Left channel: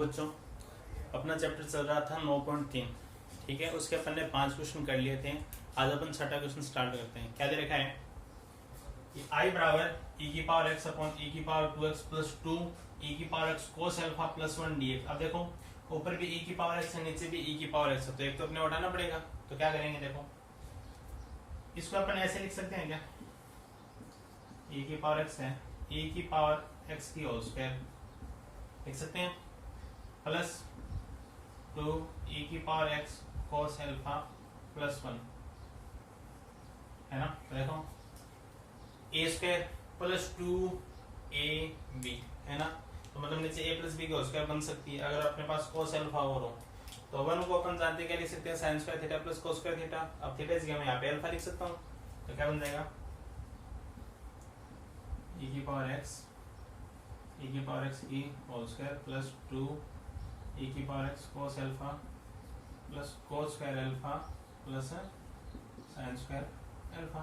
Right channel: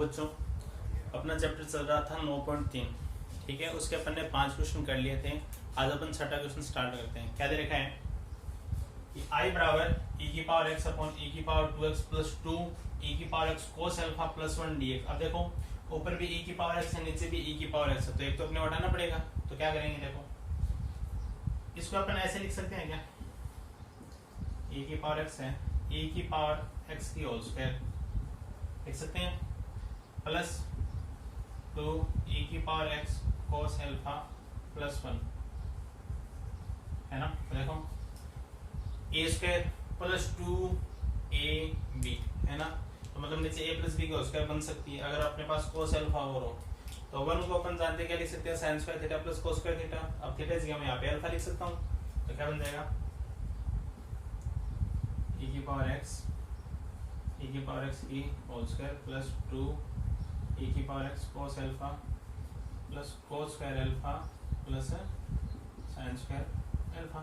बच्चों अपना चैप्टर चल रहा था 9.3, ठीक है। उसके अपन ने 5 क्वेश्चन कर लिए थे। आज अपन 6ठा क्वेश्चन स्टार्ट करते हैं। क्या दे रखा है कि i बराबर e की पावर x अपॉन e की पावर 2x प्लस 2 e की power x cos alpha plus 1 dx। अब देखो ऊपर भी e की पावर x है, नीचे भी e की पावर x है, तो एक तो अपने हटाना पड़ेगा। तो क्या करेंगे, देखो इसको अपन ऐसे लिख सकते हैं क्या, e की पावर x है, e की पावर x की होल स्क्वायर लिख सकते हैं, प्लस 2 e की power x cos alpha plus 1 है ना। तो देखो ए स्क्वायर प्लस 2ab है ना, तो मतलब नीचे a प्लस बी की होल स्क्वायर बन सकती है अगर अपने पास कोस अल्फा और हो। तो 1 को अपन जानते हैं क्या लिख सकते हैं, sine square theta plus cos square theta. अब थीटा की मैं यहाँ पे अल्फा लिख सकता हूँ, तो क्या बन जाएगा e की पावर x की होल स्क्वायर प्लस 2 e की power x cos alpha plus cos square alpha plus sine square alpha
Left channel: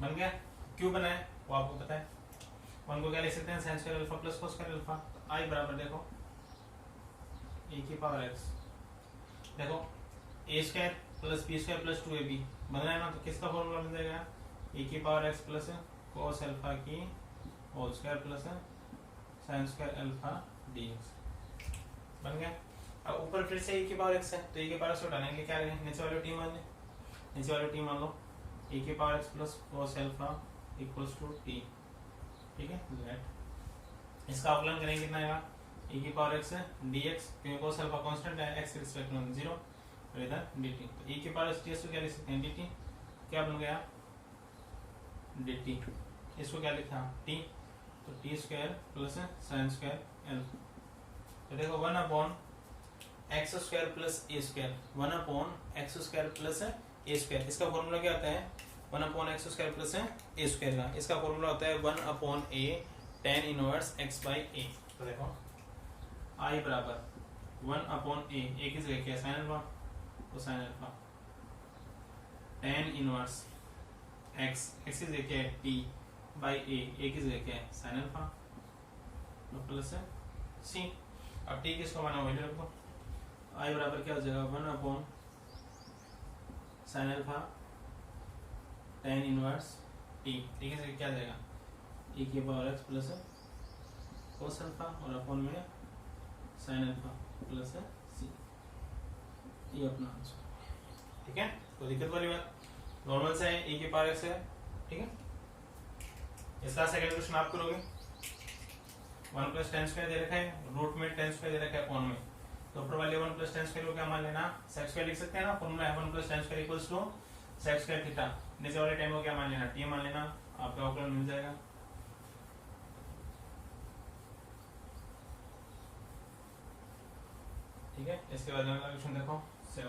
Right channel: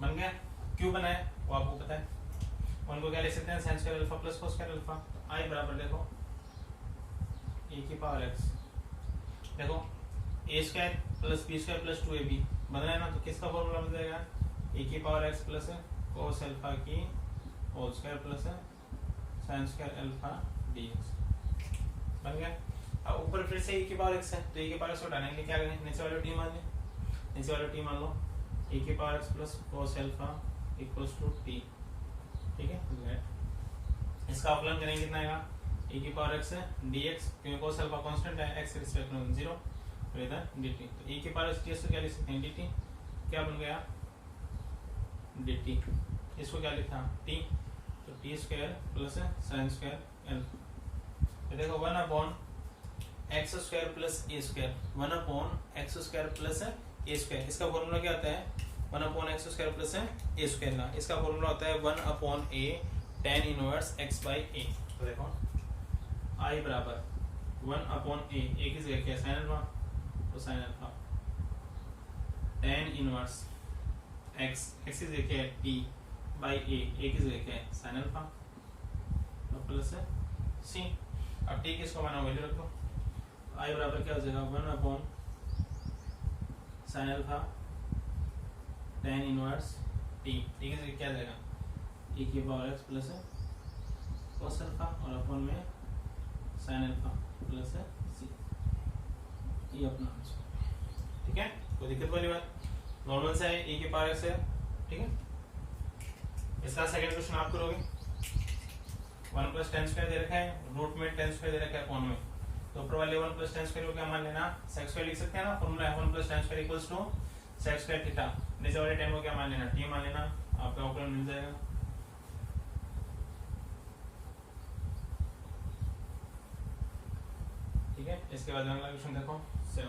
बन गया। क्यों बना है वो आपको पता है। उनको क्या लिख सकते हैं, sine square alpha plus cos square alpha. तो आई बराबर देखो e की पावर x, देखो a square plus B square plus 2ab बन रहा है ना, तो किसका फॉर्मूला बन जाएगा e की power x plus cos alpha की whole square plus sine square alpha dx बन गया। अब ऊपर फिर से e की पावर x है, तो e की पावर x हटाने के लिए क्या करें, नीचे वाले टी मान लें, नीचे वाले टी मान लो e की power x plus cos alpha equals to T, ठीक है। लेट इसका अवकलन करेंगे कितना आएगा, e की पावर x dx, क्योंकि कोस अल्फा कांस्टेंट है, x के रिस्पेक्ट में 0, और इधर dt। तो e की पावर x को क्या लिख सकते हैं, dt, क्या बन गया dt। इसको क्या लिखा t, तो t square plus sine square alpha. तो देखो 1 upon x square plus a square, 1 upon x square plus a square. इसका फॉर्मूला क्या होता है, 1 upon x square plus a square का इसका फॉर्मूला होता है 1 upon a tan inverse x by a. तो देखो i बराबर 1 अपॉन ए की जगह क्या है साइन अल्फा, तो sine alpha tan inverse x की जगह क्या है t बाई ए की जगह क्या है साइन अल्फा, तो प्लस सी। अब t किसको माना वैल्यू रखो, i बराबर क्या हो जाएगा 1 upon sine alpha tan inverse t, ठीक है, क्या जाएगा e की power x plus cos alpha और अपॉन में साइन अल्फा प्लस सी, ये अपना आंसर, ठीक है। कोई दिक्कत वाली बात, नॉर्मल से है, e की पावर x है, ठीक है। इसका सेकंड क्वेश्चन आप करोगे, 1 प्लस टेन स्क्वायर दे रखा है, रूट में टेन स्क्वायर दे रखा है अपॉन में, तो ऊपर वाले 1 प्लस टेन स्क्वायर को क्या मान लेना, सेक स्क्वायर लिख सकते हैं ना, फॉर्मूला है 1 plus tan square equals to sec square theta. नीचे वाले टेन को क्या मान लेना, टी मान लेना, आपका अवकलन मिल जाएगा। ठीक है, इसके बाद अगला क्वेश्चन देखो 7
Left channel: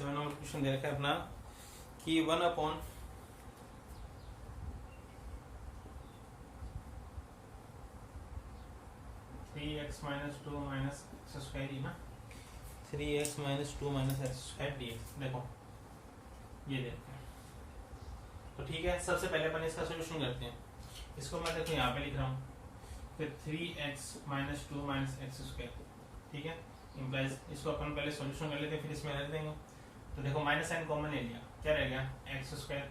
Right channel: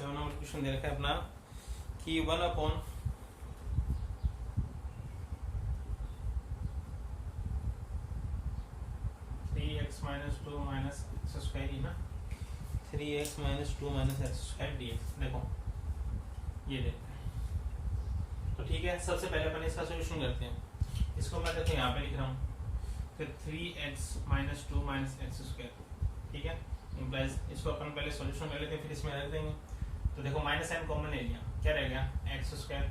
नंबर क्वेश्चन दे रखा है अपना कि 1 upon 3x minus 2 minus x square ही ना, 3x minus 2 minus x square dx। देखो ये देखते हैं, तो ठीक है, सबसे पहले अपन इसका सोल्यूशन करते हैं। इसको मैं देखो यहाँ पे लिख रहा हूँ, तो 3x minus 2 minus x square, ठीक है, इम्प्लाइज इसको अपन पहले सोल्यूशन कर लेते हैं, फिर इसमें रख देंगे। तो देखो माइनस साइन कॉमन ले लिया, क्या रह गया x square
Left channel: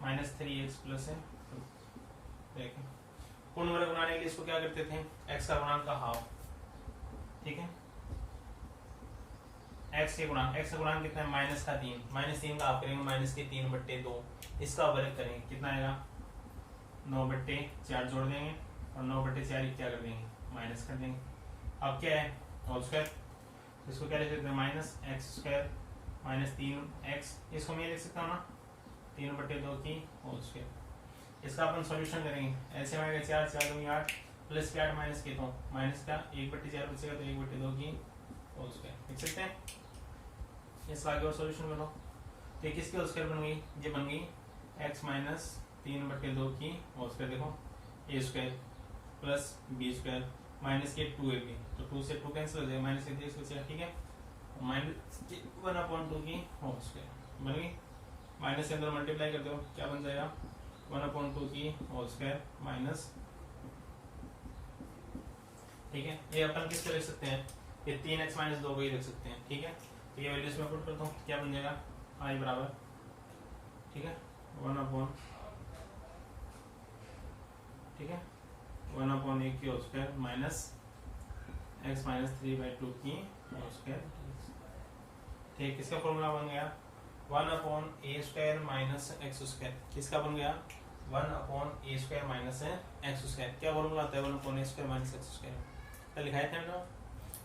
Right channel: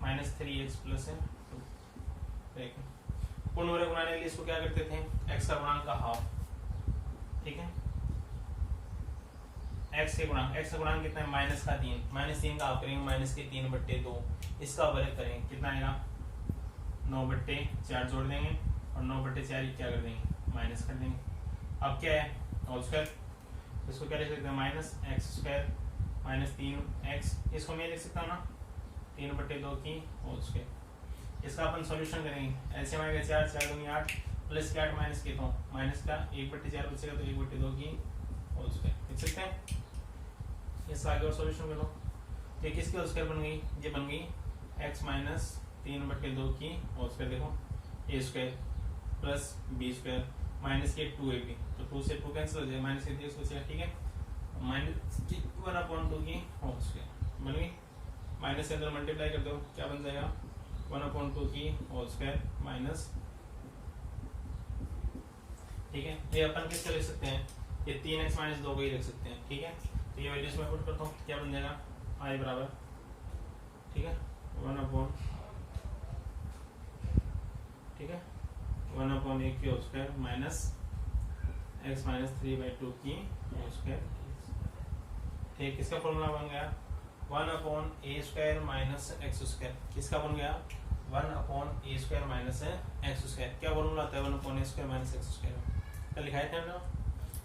minus 3x plus 2। देखिए पूर्ण वर्ग बनाने के लिए इसको क्या करते थे, x का गुणांक का हाफ, ठीक है, x के गुणांक, x का गुणांक कितना है माइनस का 3, माइनस 3 का हाफ करेंगे माइनस के 3/2, इसका वर्ग करेंगे कितना आएगा 9/4 जोड़ देंगे और 9/4 क्या कर देंगे माइनस कर देंगे। अब क्या है होल स्क्वायर, तो इसको क्या लिख सकते हैं minus x square minus 3x, इसको मैं लिख सकता हूँ ना 3/2 की होल स्क्वायर। इसका अपन सॉल्यूशन करेंगे, ऐसे में 4 4 दूंगी 8 प्लस के 8 माइनस के 2 माइनस का 1/4 बचेगा, तो 1/2 की होल स्क्वायर लिख सकते हैं। इसका आगे और सॉल्यूशन करो, तो किसकी होल स्क्वायर बन गई, ये बन गई x माइनस 3/2 की होल स्क्वायर। देखो a square plus b square minus के 2ab, तो 2 से 2 कैंसिल हो जाएगा, माइनस के 3 बचेगा, ठीक है, माइनस 1/2 की होल स्क्वायर बन गई। माइनस से अंदर मल्टीप्लाई कर दो, क्या बन जाएगा 1/2 की होल स्क्वायर माइनस ठीक है, ये अपन किससे लिख सकते हैं, ये 3x माइनस 2 को ही लिख सकते हैं। ठीक है, तो ये वैल्यूज में पुट करता हूँ, क्या बन जाएगा i बराबर, ठीक है 1 अपॉन, ठीक है 1 अपॉन ए की whole square minus x minus 3/2 की होल स्क्वायर। ठीक, किसका फॉर्मूला बन गया 1 अपॉन ए स्क्वायर माइनस एक्स स्क्वायर। किसका बन गया 1 अपॉन ए स्क्वायर माइनस एक्स स्क्वायर। क्या फॉर्मूला आता है 1 अपॉन ए स्क्वायर माइनस एक्स स्क्वायर, कल लिखाए थे हमने,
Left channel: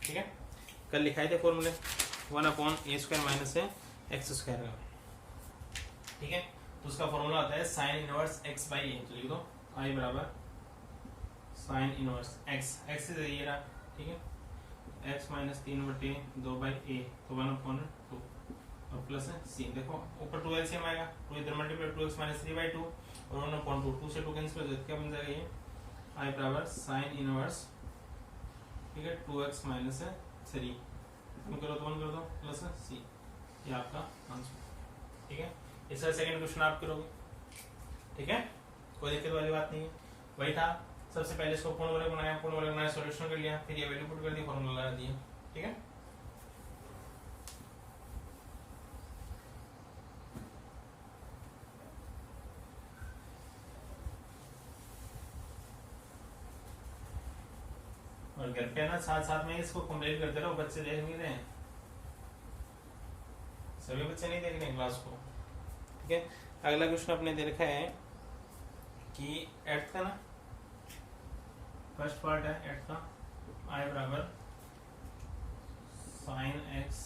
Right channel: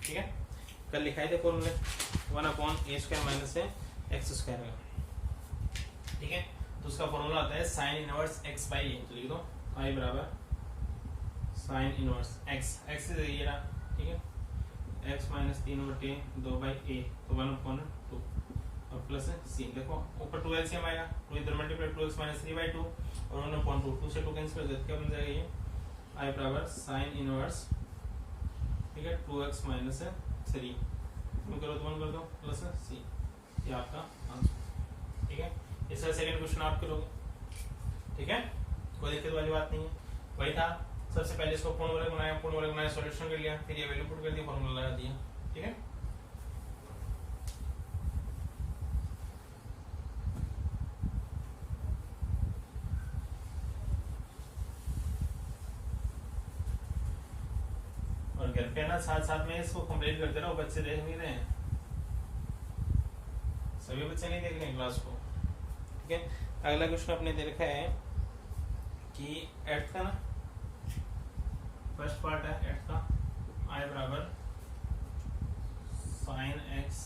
ठीक है कल लिखाए थे फॉर्मूले 1 अपॉन ए स्क्वायर माइनस एक्स स्क्वायर का। ठीक है, तो उसका फॉर्मूला आता है sine inverse x by a. तो लिख दो i बराबर साइन इनवर्स x, x से ये रहा, ठीक है x माइनस 3/2/a, तो 1 अपॉन 2 और प्लस c। देखो ऊपर 2 एलसीएम आएगा, 2 इधर मल्टीप्लाई 2x माइनस 3/2 और 1 अपॉन 2, 2 से 2 कैंसिल हो जाए, क्या बन जाएगा ये i बराबर साइन इनवर्स, ठीक है 2x माइनस 3 करो तो 1 कर दो प्लस c, ये आपका आंसर। ठीक है, इसका सेकंड क्वेश्चन आप करोगे। ठीक है, कोई दिक्कत वाली बात नहीं है, वही था। सबसे पहले इसको पूर्ण वर्ग बनाया, पूर्ण वर्ग बनाया, सॉल्यूशन कर लिया, फिर ये वैल्यू पुट कर दी, फॉर्मूला लगा दिया। ठीक है, और घर पे ना साथ साथ में इसको कंप्लीट करते रहो, बच्चे देख नहीं रहे हैं, सभी बच्चे नहीं देख रहे हैं क्लास को। ठीक है, अगला क्वेश्चन आपने दे रखा है कि एट का ना फर्स्ट पार्ट है एट का, i बराबर sine x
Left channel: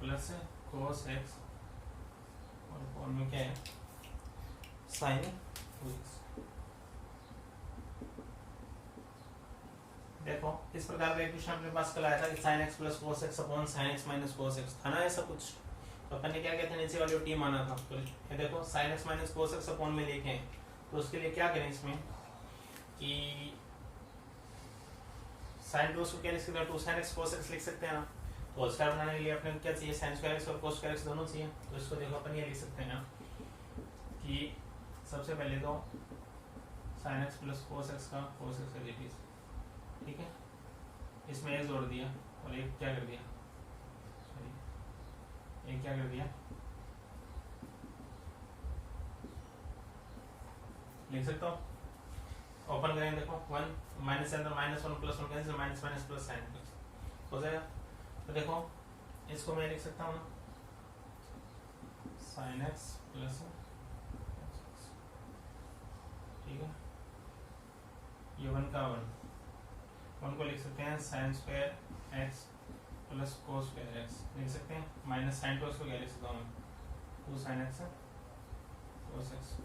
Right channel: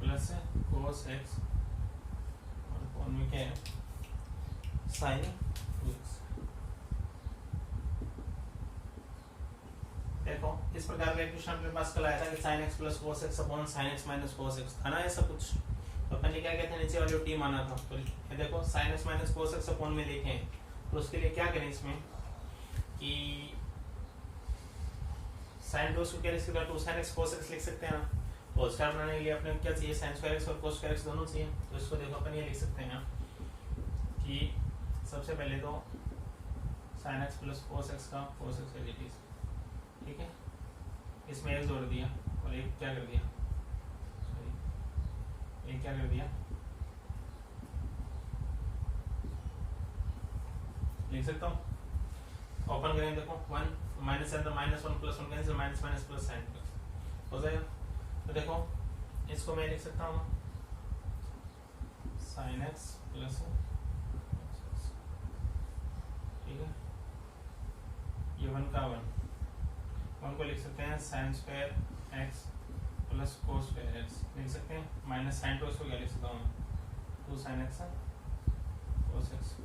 plus cos x और कौन में क्या है साइन 2x। देखो इस प्रकार का क्वेश्चन अपने पास कल आया था कि sine x plus cos x upon sine x minus cos x था ना, ऐसा कुछ। तो अपन ने क्या कहते हैं, नीचे वाली टी माना था। तो ये देखो sine x minus cos x upon में लिखें, तो उसके लिए क्या करें इसमें कि साइन 2 को क्या लिख सकते हैं, 2 sin x cos x लिख सकते हैं ना। तो स्क्वायर बनाने के लिए अपने क्या चाहिए, sin स्क्वायर x और cos स्क्वायर x दोनों चाहिए। तो इसको देखो अपन ये लिख सकते हैं ना कि सबसे पहले तो sin x प्लस cos x का cos x एडिटिव, ठीक है इसमें एक जोड़ दिया और एक क्या कर दिया, सॉरी एक क्या कर दिया, लिख सकता हूँ। ओपन करें, देखो 1 माइनस अंदर minus 1 plus 1 cancel, minus minus plus sign हो जाएगा। तो देखो इसको मैं लिख सकता हूँ ना साइन एक्स प्लस, ठीक है ये 1 का 1 को लिख सकते हैं sine square x plus cos square x लिख सकते हैं, माइनस साइन 2x को क्या लिख सकता हूँ मैं 2 साइन एक्स कोस एक्स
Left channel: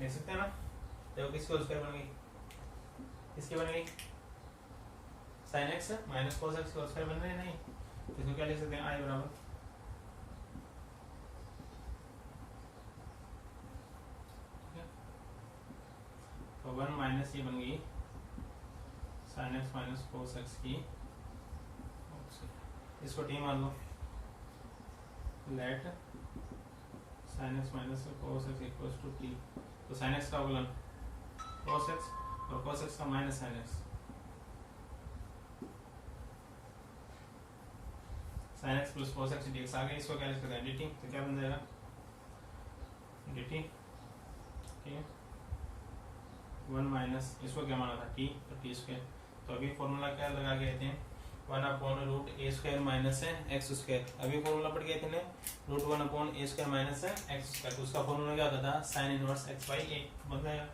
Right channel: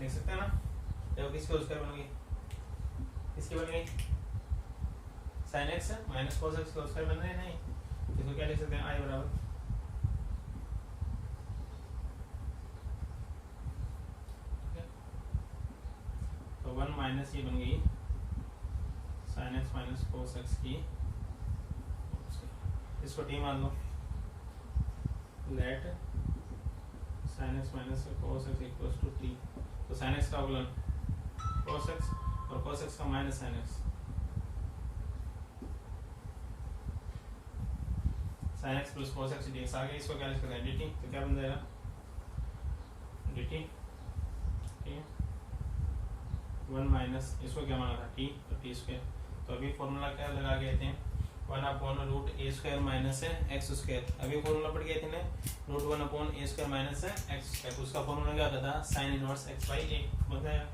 लिख सकते हैं ना। देखो किसकी होल स्क्वायर बन गई, किसकी बन गई sine x minus cos x की होल स्क्वायर बन रही है, नहीं इसको क्या लिख सकते हैं i बराबर, तो 1 माइनस ये बन गई sine x minus cos x की, इसको टी मान लो, let sine x minus cos x equals to t. तो साइन एक्स का अवकलन cos x और cos x का minus sin x, sin x प्लस cos x dx आ गया, इसको क्या लिख सकते हैं dt। तो क्या बन जाएगा dt, ठीक है 1 माइनस इसको क्या माना था t, तो t स्क्वायर। तो अभी फॉर्मूला क्या लगा गए थे 1 अपॉन रूट ए स्क्वायर माइनस एक्स स्क्वायर। अभी फॉर्मूला पढ़ गए थे ना रूट 1 अपॉन ए स्क्वायर माइनस एक्स स्क्वायर। तो उसका फॉर्मूला क्या होता था साइन इनवर्स x बाई ए, बन गया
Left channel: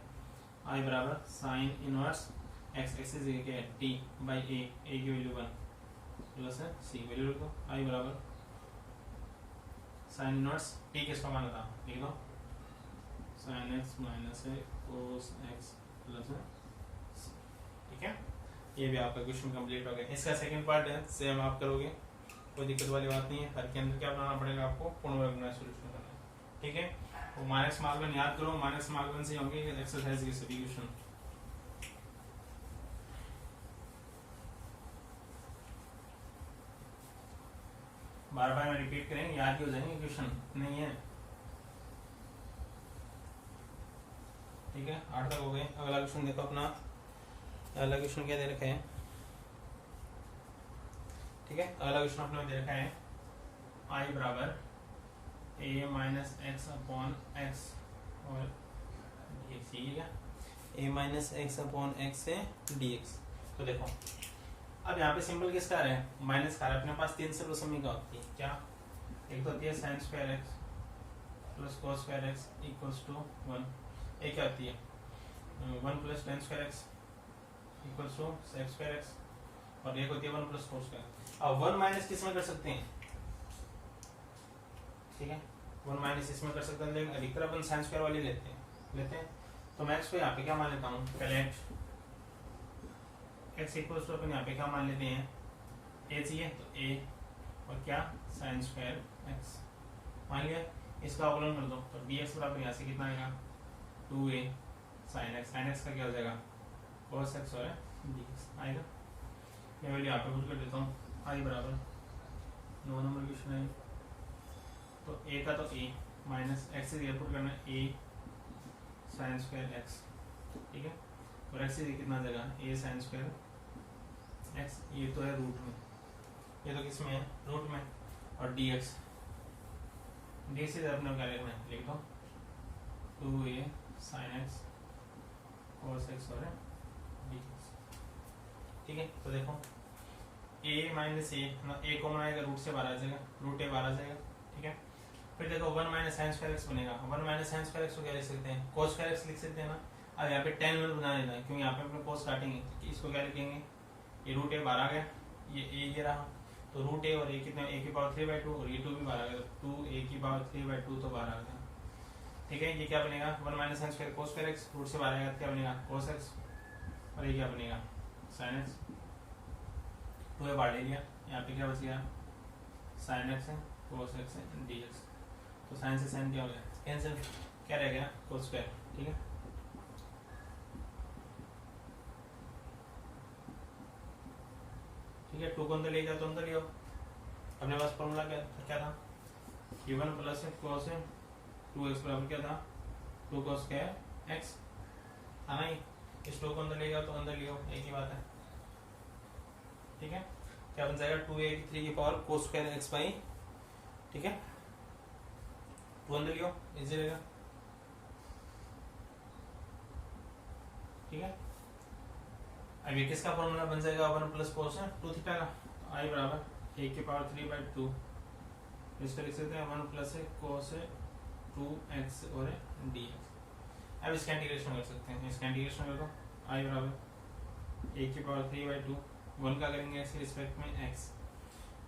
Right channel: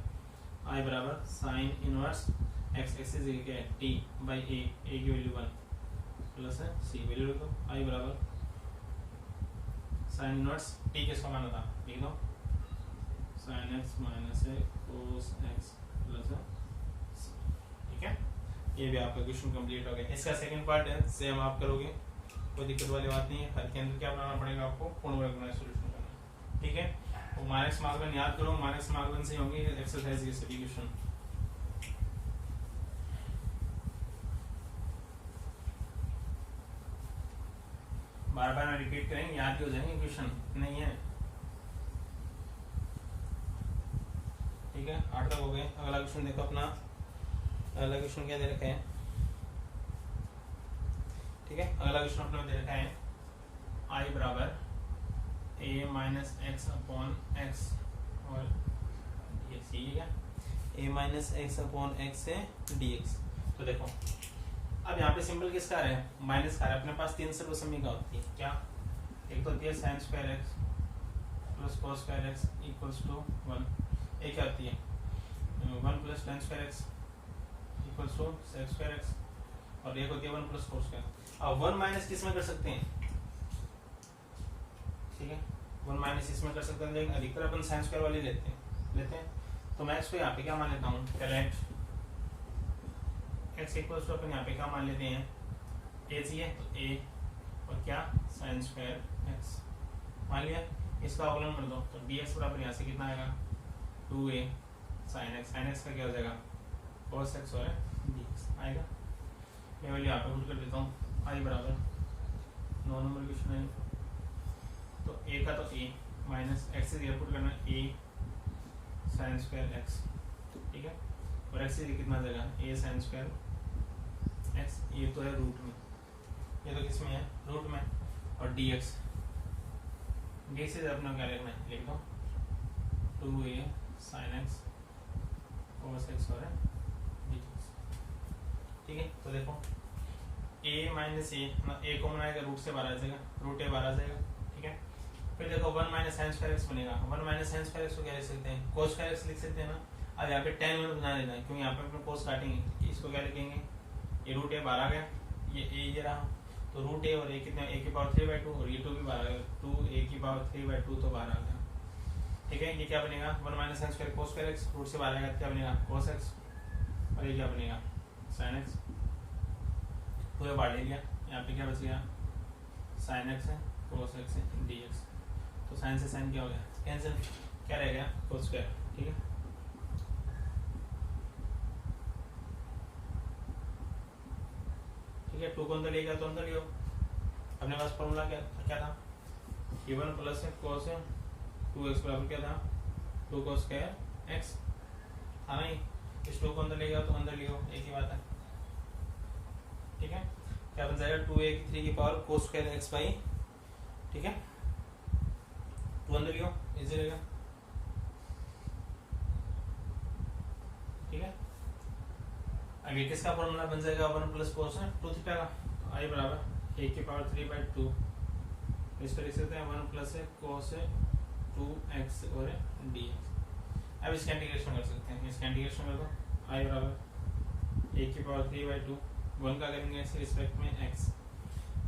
i बराबर साइन इनवर्स x एक्सिस क्या है t बाई a, a की वैल्यू 1 प्लस c वैल्यू रखो i बराबर साइन इनवर्स t किसका माना था, लिख दो sine x minus cos x plus c। ठीक है, ये भी आपका क्वेश्चन कंप्लीट हो गया। इसका सेकंड पार्ट है सेम आप करोगे, कोई दिक्कत वाली बात नहीं है। हर के अंदर क्या बनाना पड़ेगा आपको, पूर्ण वर्ग बनाना सोल्यूशन करना। ठीक है, वो माइनस मार्क याद करो, माइनस मार्क से होंगे एक्सरसाइज के सभी क्वेश्चन। बार बार रिपीट करेंगे, याद ही हो जाएंगे क्वेश्चन, नहीं है। ठीक है 8 तक हो गए। अगला क्वेश्चन देखो अपना अगला क्वेश्चन क्या दे रखा है, ठीक है। अगला क्वेश्चन अपने दे रखा है आई बराबर ए माइनस एक्स अपॉन एक्स और dx, ये क्या a minus x upon x से dx। तो देखो अब यहाँ पे सिंबल किसका आ रहा है, माइनस का आ रहा है। अपने पास तीन सर्वसम्मिका होती है, क्या, एक तो होती है sine square x plus cos square x equals to 1, एक क्या होती है 1 plus tan square x equals to sec square x, और एक होती है 1 प्लस कोस स्क्वायर। अब 1 माइनस किस में कर सकते हैं, ठीक है, 1 माइनस इसमें कर सकते हैं, लेकिन अधिकतर अपन साइन स्क्वायर वाली लेते हैं। तो मैं इसको यहाँ पे क्या मान लेता हूँ, पहले एक्स इक्वल्स टू अपन यहाँ पे क्या मान लेते हैं, ए चाहिए तो ए और क्या साइन स्क्वायर एक्स मान लिया। इसका अवकलन कर दो तो dx बराबर यहाँ से कितना आएगा 2a साइन एक्स, साइन एक्स का क्या हो जाएगा cos x और dx आएगा। मैं वैल्यू यहाँ पे पुट कर देता हूँ, आई बराबर 9 नंबर क्वेश्चन है। तो a का तो a माइनस एक्स से पुट करना a साइन स्क्वायर एक्स, ठीक है, और x से कितना देगा a साइन स्क्वायर एक्स, ये तो है रूट में, ये तो किस में है रूट में, और dx डी से अपने क्या लिखना है, लिख दो 2a sine x cos x और dx, ठीक है। तो देखो a माइनस a कॉमन आएगा, रूट से बाहर आ जाएगा, रूट a बाहर आ जाएगा, ठीक है। फिर देखो 1 माइनस साइन स्क्वायर एक्स बनेगा, 1 माइनस साइन स्क्वायर एक्स को क्या लिख सकते हैं cos स्क्वायर एक्स लिख सकते हैं ना। अब यहाँ पे tan में बना लेना है, क्योंकि यहाँ पे अपने cos काटेंगे, इसको क्या लिखेंगे, ये रूट a बाहर आ गया, ये रहा, तो रूट ए और ए कितना a की पावर 3/2 और ये 2 भी बाहर आ गया, 2a की पावर 3/2 तो बाहर आ गया, ठीक है। ये क्या बनेगा 1 minus sine square cos square x, root से बाहर आएगा क्या बनेगा cos x, और ये क्या बनेगा sin x, तो बाहर ले लिया, यहाँ पे क्या बच गया sin x है cos x है dx, तो sin से sin क्या हो गया कैंसिल, क्या रह गया cos स्क्वायर, ठीक है। ठीक है, 2 को अंदर ले जाओ तो अंदर ले आओ, अपने पास फॉर्मूला क्या था, a1 प्लस cos 2x बराबर क्या था 2 cos स्क्वायर x, था ना। इस 2 को अंदर ले जाओ तो अंदर ले आओ, एक ही बात है, ठीक है। क्या बन जाएगा 2a की 3 की power cos square x by, ठीक है, 2 अंदर ले आओ इजी रहेगा, ठीक है। अब ये किसका फॉर्मूला बन जाएगा 1 प्लस कोस 2 थीटा का, आई बराबर 1 की पावर 3/2, इसको लिख सकते हैं 1 प्लस कोस 2x और dx। अब इसका इंटीग्रेशन कर सकते हैं, इसका इंटीग्रेशन कर दो, आई बराबर 1 की पावर 3/2, 1 का करेंगे इसके रिस्पेक्ट में x,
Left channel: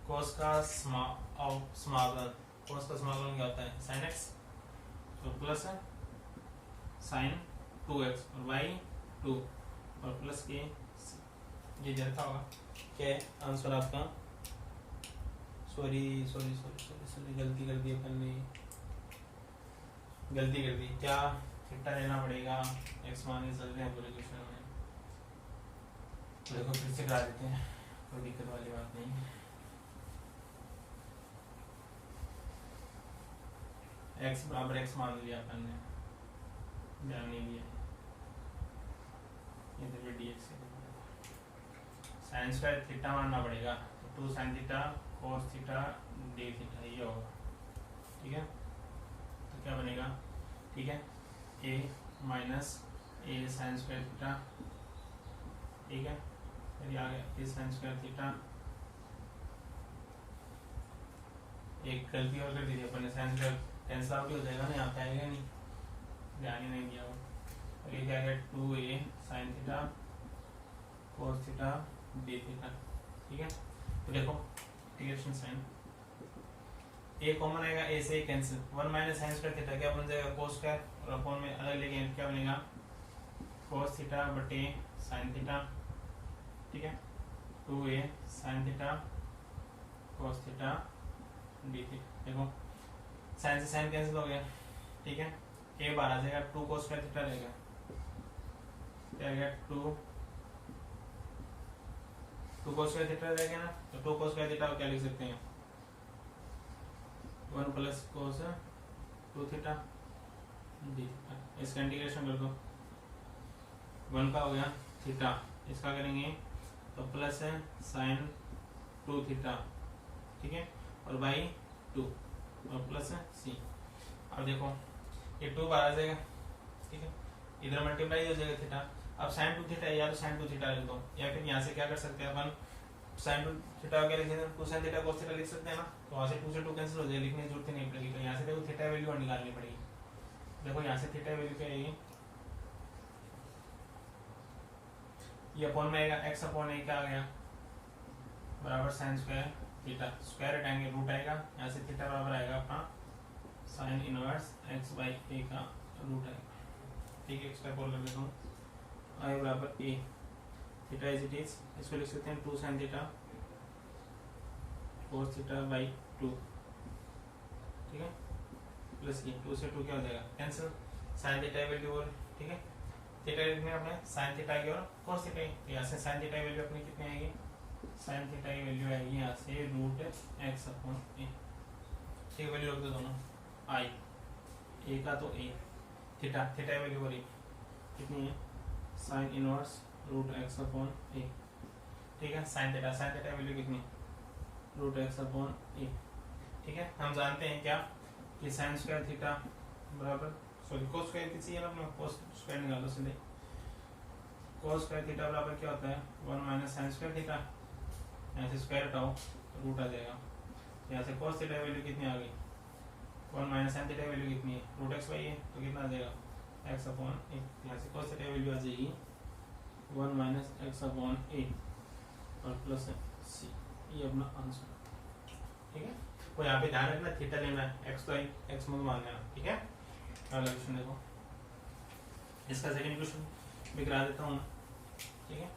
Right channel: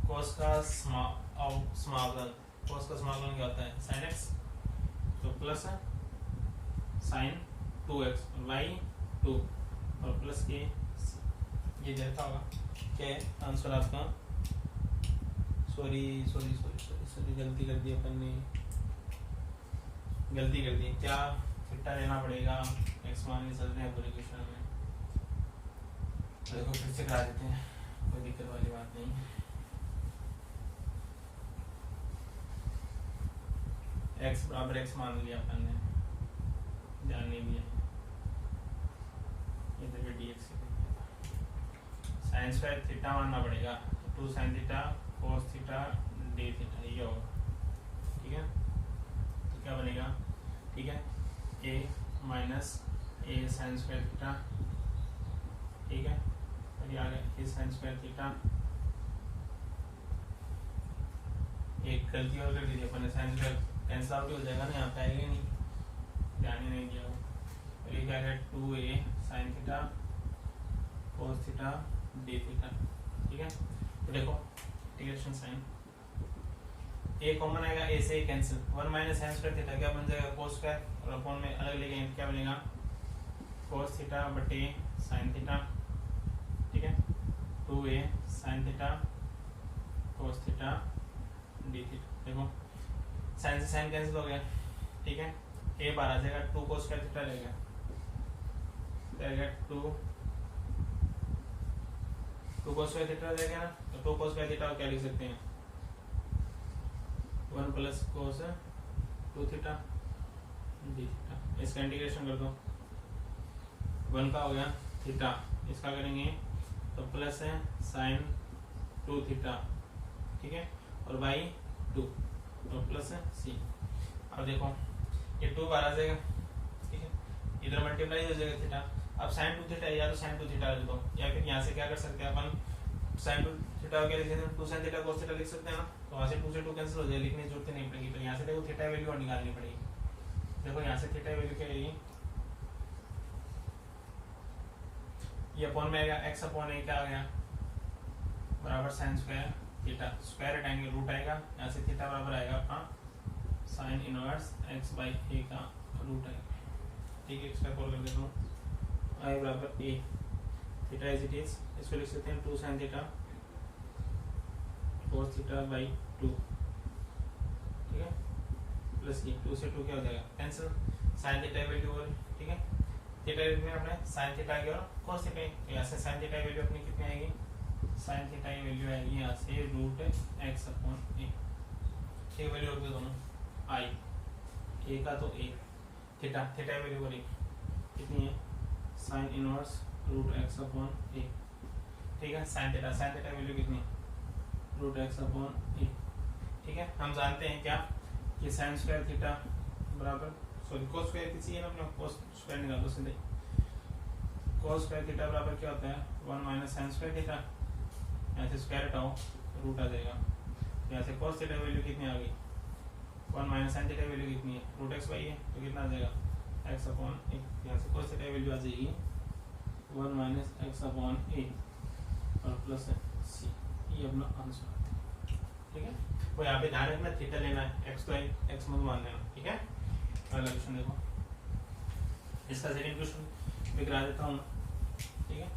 कोस का स्मॉल कोस का स्मॉल क्या होता है sin x, तो प्लस sin 2x और y 2 और प्लस के ये जैसा होगा क्या है आंसर आपका, सॉरी गलती कर दी अपन ने, गलती कर दी, क्या थीटा लेना पड़ेगा x मान के चलते हैं पूरे क्वेश्चन में, देखो फिर से करा देते हैं, कोई दिक्कत वाली बात नहीं। x बराबर x मान लिया अपन ने, ध्यान नहीं दिया, ये तो dx साइन स्क्वायर थीटा मानना पड़ेगा, तो 2 sine theta cos theta d theta ये होगा, ठीक है। तो क्या बनेगा, ठीक है, a minus a sign square theta, ठीक है, और ये आ गया a साइन स्क्वायर थीटा, एक गलती और कर दी अपन ने, साइन स्क्वायर कैंसिल आउट हो जाएगा ना, यहाँ पे आएगा नहीं, ध्यान ही नहीं दिया वो, और ये क्या है 2a sine theta cos theta d theta, ठीक है। तो देखो इंटीग्रेशन साइन a कॉमन आएगा, a से cancel, 1 minus sine square theta क्या बन जाएगा cos स्क्वायर, और अपॉन में अलग लेंगे क्या बनेगा cos थीटा बटे साइन थीटा, ठीक है, 2a sine theta cos theta d theta. देखो साइन से साइन कैंसिल हो गया, ठीक है, a बाहर आ जाएगा, 2 cos स्क्वायर थीटा रहेगा, क्या गया 2 cos स्क्वायर थीटा रहेगा ना, तो 2 cos स्क्वायर थीटा क्या लिख सकते हैं 1 plus cos 2 theta d theta, इसका इंटीग्रेशन कर दो, 1 का हो गया थीटा, इसका करेंगे तो प्लस है साइन 2 थीटा, ठीक है, और बाई 2 और प्लस है सी। अब देखो ये 2 बाहर आ जाएगा, ठीक है, इधर मल्टीप्लाई हो जाएगा थीटा। अब साइन 2 थीटा या तो साइन 2 थीटा लिख दो, या फिर यहाँ से क्या कर सकते हैं अपन, साइन 2 थीटा क्या लिख सकते हैं, 2 साइन थीटा कोस थीटा लिख सकते हैं ना, तो वहाँ से 2 से 2 कैंसिल हो जाएगा, लिखने की जरूरत नहीं पड़ेगी। तो यहाँ से देखो थीटा वैल्यू और निकालनी पड़ेगी। देखो यहाँ से थीटा वैल्यू क्या आएगी, ये अपॉन में आएगा एक्स अपॉन ए क्या आ गया बराबर साइन स्क्वायर थीटा, स्क्वायर हटाएंगे रूट आएगा, यहाँ से थीटा बराबर आएगा अपना साइन इनवर्स एक्स बाई ए का रूट आएगा, ठीक है। एक्स्ट्रा कॉल कर देता हूँ, आई बराबर ए, थीटा इज इट इज, इसको लिख सकते हैं 2 sine theta cos theta by 2, ठीक है, प्लस ये 2 से 2 क्या हो जाएगा कैंसिल, साइन थीटा वैल्यू और, ठीक है, थीटा लिखने अपने साइन थीटा की और कोस थीटा, यहाँ से साइन थीटा वैल्यू अपनी कितनी आएगी, साइन थीटा की वैल्यू आएगी यहाँ से रूट एक्स अपॉन ए, ठीक, वैल्यू रख दो दोनों, आई ए का तो ए, थीटा थीटा वैल्यू और ए कितनी है sine inverse root x upon a, ठीक है, साइन थीटा वैल्यू कितनी रूट एक्स अपॉन ए, ठीक है। हम जानते हैं क्या कि साइन स्क्वायर थीटा बराबर, सॉरी कोस स्क्वायर किसी है ना अपना, कोस स्क्वायर निकालो सीधे, कोस स्क्वायर थीटा बराबर क्या होता है 1 माइनस साइन स्क्वायर थीटा, यहाँ से स्क्वायर हटाओ रूट आ जाएगा, यहाँ से कोस थीटा वैल्यू कितनी आ गई 1 माइनस साइन थीटा वैल्यू कितनी है रूट एक्स बाई है, तो कितना आ जाएगा एक्स अपॉन ए, यहाँ से कोस थीटा वैल्यू आ जाएगी 1 माइनस एक्स अपॉन ए और प्लस सी, ये अपना आंसर, ठीक है। वो यहाँ पे ध्यान रखना थीटा लेना है, एक्स तो एक्स मत मान लेना, ठीक है। अगला क्वेश्चन देखो, इसका सेकंड क्वेश्चन भी करा देता हूँ, ठीक है।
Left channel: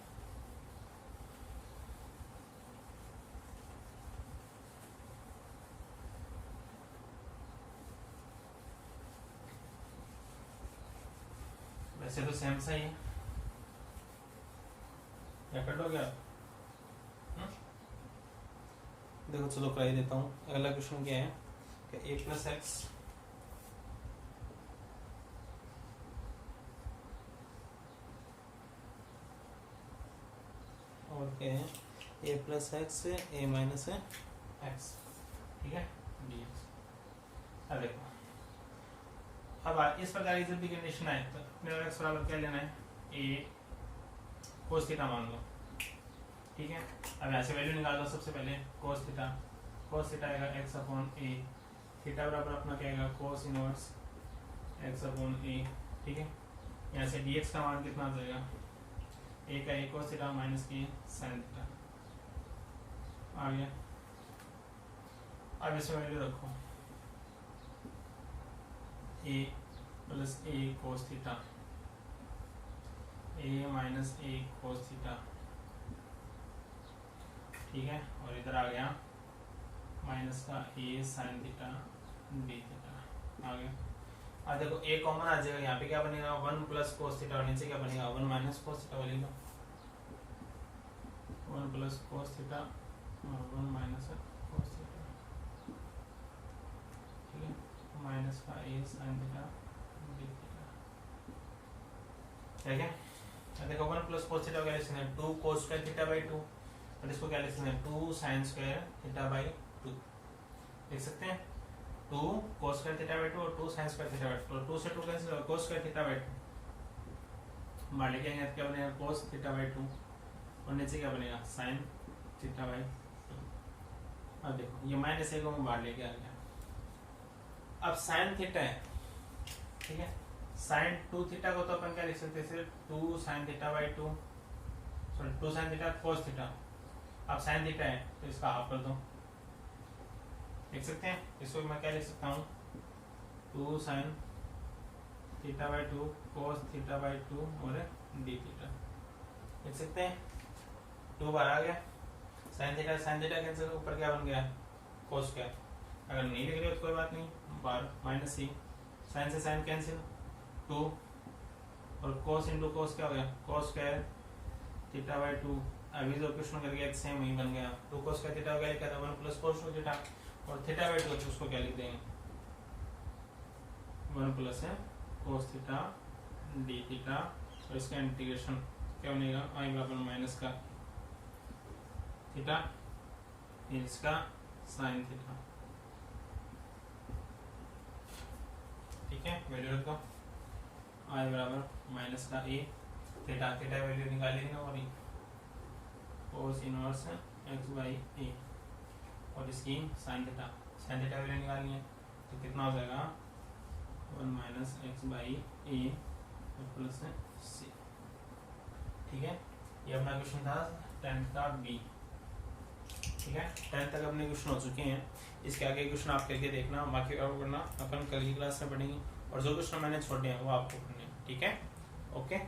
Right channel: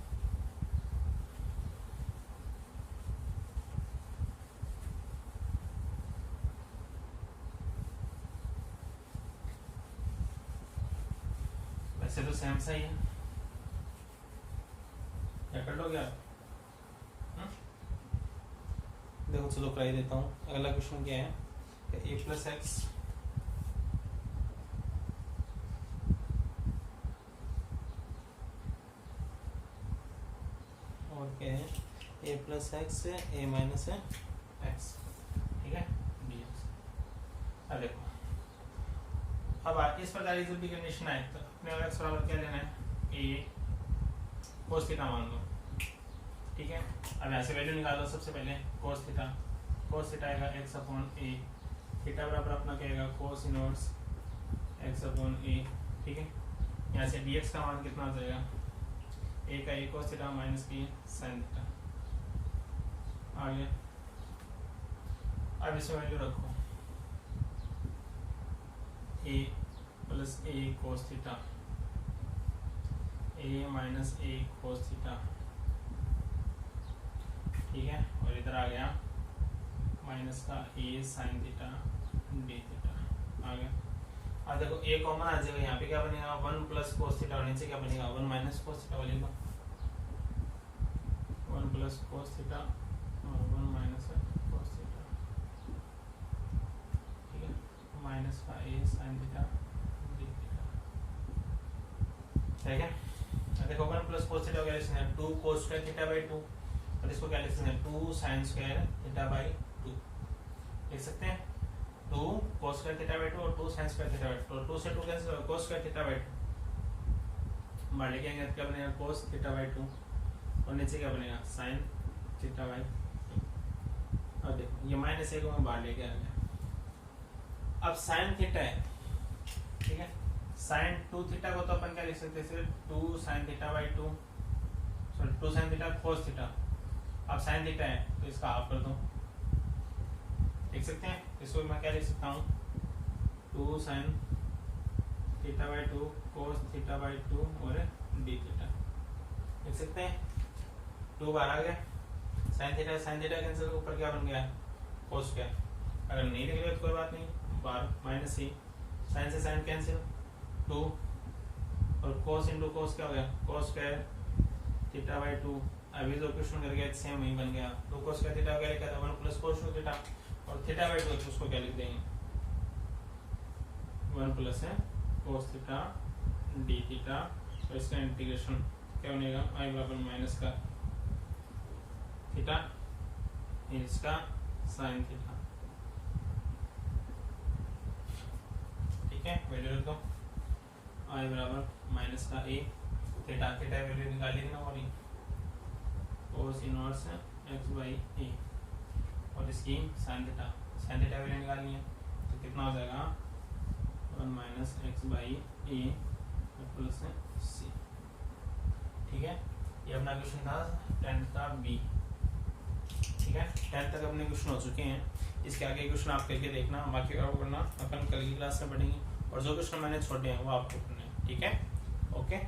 वैसे तो सेम सा ही है, या कर लोगे आप, देखो चलो करा ही देता हूँ। अगला क्वेश्चन क्या है, ए प्लस एक्स और क्या है ए प्लस एक्स ए माइनस एक्स, ठीक है, dx। अब देखो, अब इस प्रकार की जब भी कंडीशन आए तो अपने और एक्स बराबर क्या लेना है, ए कोस थीटा मान लो, ठीक है। अब यहाँ से वैल्यू निकाल दो, सबसे पहले कोस थीटा आएगा एक्स अपॉन ए, थीटा बराबर अपना क्या आएगा cos inverse x upon a, ठीक है। यहाँ से dx का मान कितना आ जाएगा, ए का ए कोस थीटा माइनस के साइन थीटा आ गया। अब इसमें वैल्यू रखो ए प्लस ए कोस थीटा, ए माइनस ए कोस थीटा, ठीक है, और इधर आ गया माइनस का ए साइन थीटा डी थीटा आ गया। अब देखो ए कॉमन आ जाएगा, यहाँ पे क्या बनेगा 1 प्लस कोस थीटा और नीचे क्या बनेगा 1 माइनस कोस थीटा, वाली 1 प्लस कोस थीटा और 1 माइनस कोस थीटा, ठीक है, माइनस का ए साइन थीटा डी थीटा, ठीक है। देखो 1 प्लस कोस थीटा क्या लिख सकते हैं 2 कोस स्क्वायर थीटा बाई 2, और इसको क्या लिख सकते हैं 2 साइन स्क्वायर थीटा बाई 2 लिख सकते हैं, 2 cos स्क्वायर थीटा बाई 2 और 2 sin स्क्वायर थीटा बाई 2, और 2 से 2 कैंसिल होगा cos स्क्वायर थीटा बाई 2, बाहर लेके आएंगे क्या बनेगा cos थीटा बाई 2 और नीचे क्या बनेगा sin थीटा बाई 2। अब देखो ये माइनस ए को मैं बाहर लेके आ गया, अब sin थीटा है, ठीक है, sin 2 थीटा को तो अपन क्या लिख सकते हैं 2 sin theta by 2, sorry 2 sin theta cos theta, अब sin थीटा है तो इसका हाफ कर दो, लिख सकते हैं, इसको मैं क्या लिख सकता हूँ 2 sin theta by 2 cos theta by 2 और डी थीटा लिख सकते हैं, 2 बार आ गया, sin थीटा कैंसिल, ऊपर क्या बन गया cos स्क्वायर, अगर नहीं लिख रहे तो कोई बात नहीं, बार माइनस सी, sin से sin कैंसिल 2 और cos इंटू cos क्या हो गया cos स्क्वायर थीटा बाई 2, अभी जो क्वेश्चन कर गया सेम वही बन गया, 2 cos स्क्वायर थीटा वगैरह क्या था 1 प्लस cos थीटा, और थीटा बाई 2 उसको क्या लिख देंगे 1 प्लस है cos थीटा डी थीटा, और इसका इंटीग्रेशन क्या बनेगा, आई बराबर माइनस का थीटा इसका साइन थीटा। ठीक है, वैल्यू रखो, आई बराबर माइनस का ए, थीटा थीटा वैल्यू निकाली ना, और कोस इनवर्स एक्स बाई ए, और इसकी साइन थीटा वैल्यू निकालनी है, तो कितना हो जाएगा 1 minus x by a plus c. ठीक है, ये अपना क्वेश्चन था 10th का बी। ठीक है, 10th तक अपने क्वेश्चन हो चुके हैं, इसके आगे क्वेश्चन आप करके देखना, बाकी और करना अपन कल की क्लास में पढ़ेंगे, और जो क्वेश्चन मैंने छोड़े हैं वो आपको करने हैं। ठीक है, ओके।